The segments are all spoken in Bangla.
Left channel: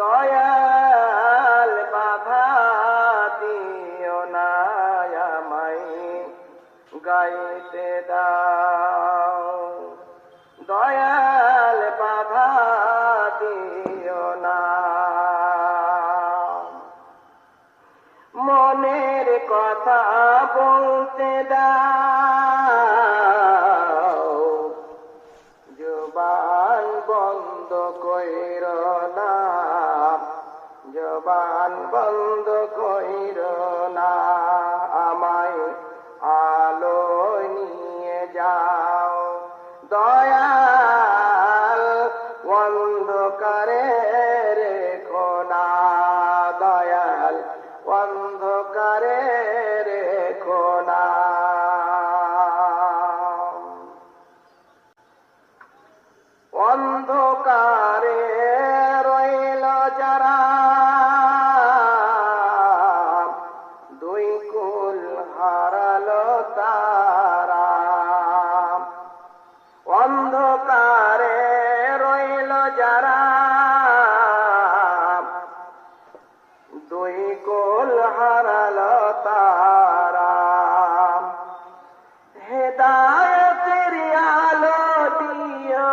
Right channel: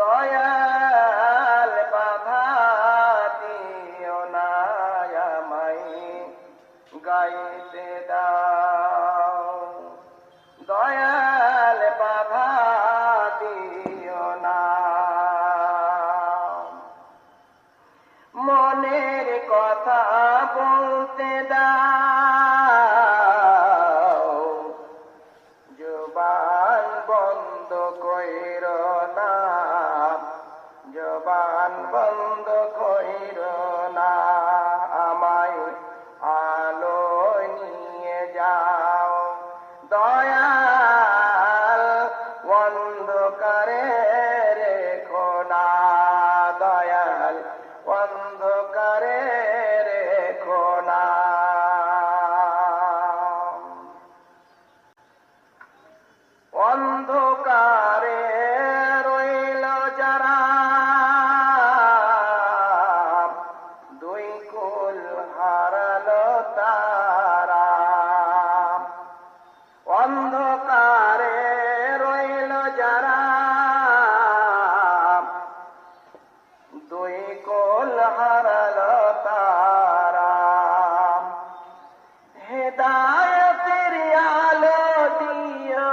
দয়াল বাধা দিও না আমায় গাইতে দাও, দয়াল বাধা দিও না। মনের কথা বলতে দাও, জবান বন্ধ কইর না, জবান বন্ধ কইর না। আমায় আলোয় নিয়ে যাও, দয়াল অন্ধকারে রেখো না, দয়াল অন্ধকারে রেখো না। অন্ধকারে রইল যারা, দুই কুল হারালো তারা। অন্ধকারে রইল যারা, দুই কুল হারালো তারা। হেদায়েতের আলো দিও,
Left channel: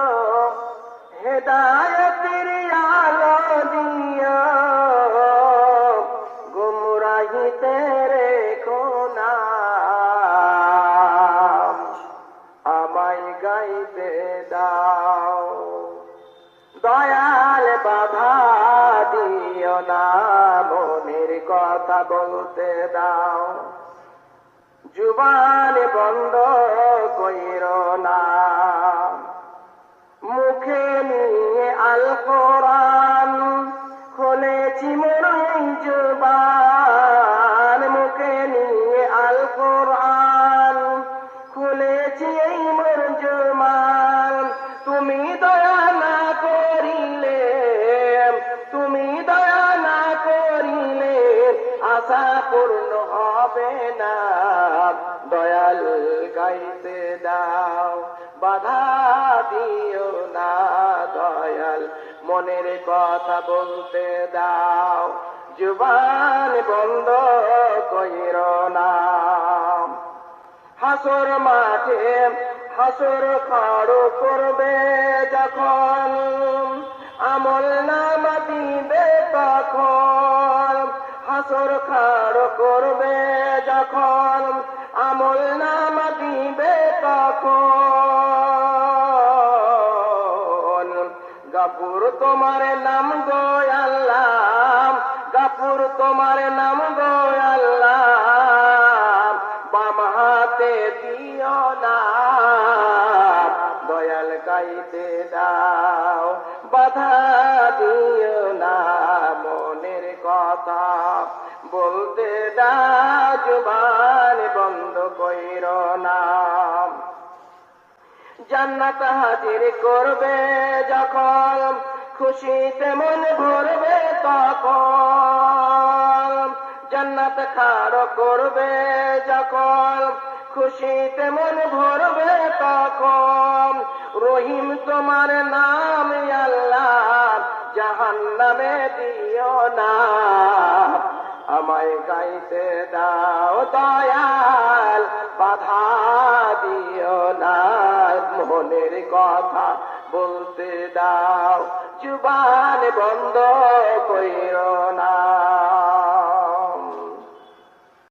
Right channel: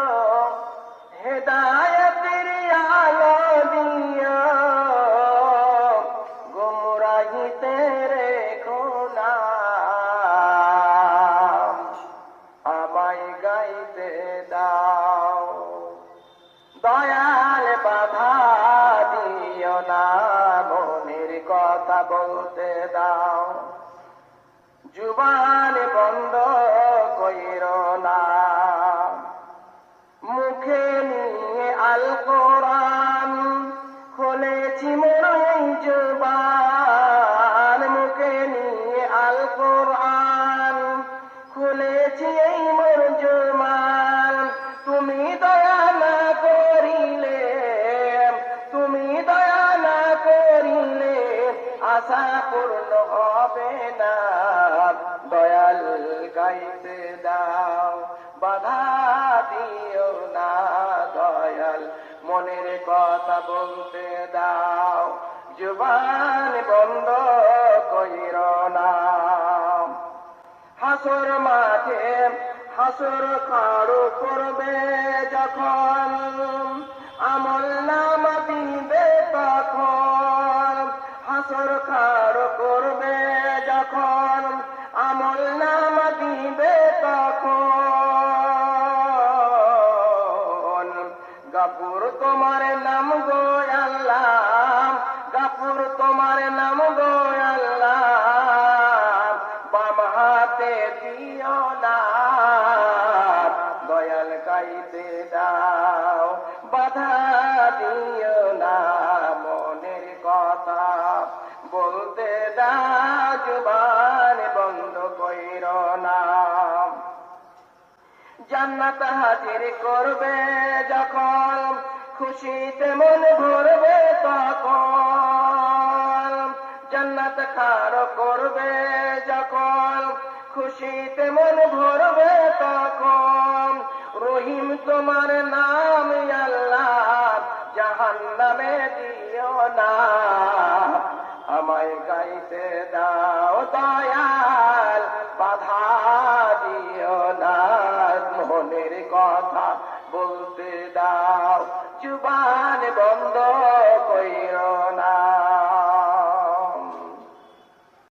হেদায়েতের আলো দিও, গুমরাহিতে রেখো না। আমায় গাইতে দাও, দয়াল বাধা দিও না, মনের কথা বলতে দাও, জুবান বন্ধ কইর না। মুখে নিয়ে আল কোরআন খুলেছি মোর এই জুবান, মুখে নিয়ে আল কোরআন খুলেছি এই মোর জুবান। তুমি দয়া না করিলে, তুমি দয়া না করিলে আশা পূর্ণ হবে না। দয়াল গাইতে দাও, বাধা দিও না, দয়াল মনের কথা বলতে দাও, জুবান বন্ধ কইর না। হাসর মাঠে হাসর খাড়ো করবে যখন, আমল নামা দিবে তখন। হাসর খাড়ো করবে যখন, আমল নামা দিবে তখন। গাফুর তোমার নাম গো আল্লাহ, গাফুর তোমার নাম গো আল্লাহ, বাম হাতে দিও না, দয়াল গাইতে দাও, বাধা দিও না, মনের কথা বলতে দাও, জবান বন্ধ কইর না। জান্নাত হাজির করবে যখন, খুশিতে মন ভরবে তখন। জান্নাত খাড়ো করবে যখন, খুশিতে মন ভরবে তখন। রহিম তোমার নাম আল্লাহ, জাহান্নামে দিও না, আমায় গাইতে দাও, দয়াল বাধা দিও না, মনের কথা বলতে দাও, জুবান বন্ধ